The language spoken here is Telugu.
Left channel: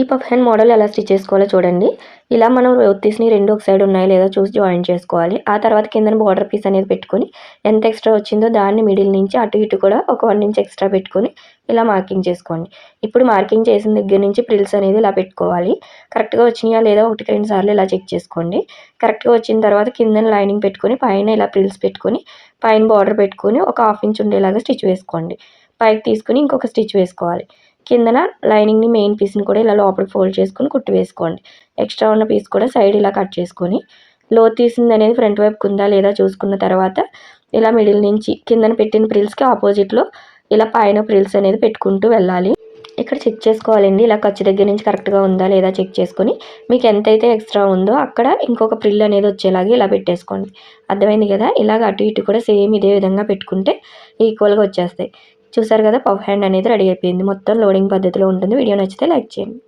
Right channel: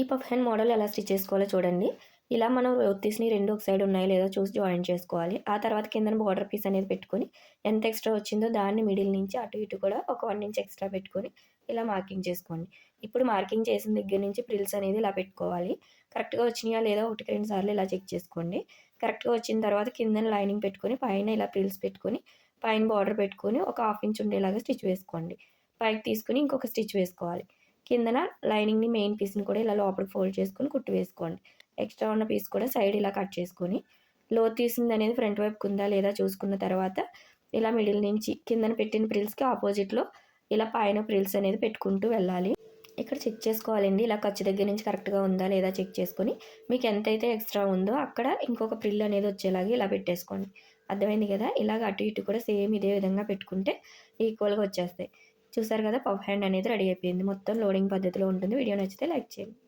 ఈ పఫ్ హ్యాండ్ మోడల్ ఎలా స్టిచ్ చేసుకోవాలో చూడండి. ఇలా మనం ఒత్తిసిని రెండు ఒక సైడ్ ఉన్నాయో లేదో చూసి జాయిన్ చేసుకోవాలి. ఆ తర్వాత కింద బార్డర్ పీస్ అనేది పెట్టుకొని ఎంత ఎక్స్ట్రా వచ్చిందో దాన్ని మిడిల్ నుంచి అటు ఇటు కూడా ఒక వన్ ఇంచ్ ఎక్స్ట్రా పెట్టుకొని ఇలా మార్కింగ్ చేసుకోండి. ఇప్పుడు మార్కింగ్ చేసిన దగ్గర నుంచి ప్రిల్స్ అనేది ఇలా పెట్టుకోవాలి. కరెక్ట్గా వచ్చినాయా లేదా ఒకటికి రెండు సార్లు ఇలా చెక్ చేసుకోండి. కరెక్ట్గా వచ్చిన తర్వాత కింద లైనింగ్ పెట్టుకొని పైన ఇలా ప్రిల్స్ పెట్టుకొని పైన బార్డర్ పెట్టుకొని ఒక హాఫ్ ఇంచ్ ఉండేలాగా స్టిచ్ వేసుకోండి. పైకి తీసుకుని ఇంకొక స్టిచ్ వేసుకోవాలి. కిందన లైనింగ్ని మెయిన్ పీస్ని కూడా ఇలా లోపలికి ఫోల్డ్ చేసుకొని కుట్టి వేసుకోండి. ఎక్స్ట్రా ఉన్న పీస్ కూడా సైడ్ ఇలా కట్ చేసుకొని లో తీసింది అనేది ఫ్రంట్ వైపుకు ఉందా లేదా చూసుకున్న తర్వాత ఇలా మిడిల్ నుంచి కిందన పెట్టిన ప్రిల్స్కి ఆపోజిట్లో ఇలా పైన ప్రిల్స్ అనేది పెట్టుకుంటూ వెళ్ళాలి. ఇక్కడ చెక్ చేసుకోవాలండి. ఇలా ఖర్చు దగ్గర నుంచి కరెక్ట్గా ఉందా లేదా చెక్ చేసుకొని మీకు ఎంతైతే ఎక్స్ట్రా ఉందో అక్కడ ఇంకొక ప్రిల్ అనేది వచ్చేలాగా ఇలా పెట్టేసుకోండి. అర్థమైంది కదా? ఇలాగ అటు ఇటు కూడా సేమ్ ఇదే విధంగా పెట్టుకుంటే ఈక్వల్గా వచ్చేస్తాయి. చూసారు కదా పఫ్ హ్యాండ్ అనేది రెడీ అయిపోయింది. మొత్తం లోడింగ్ పద్ధతిలో ఉంటుంది. వీడియో నచ్చితే లైక్ చేయండి.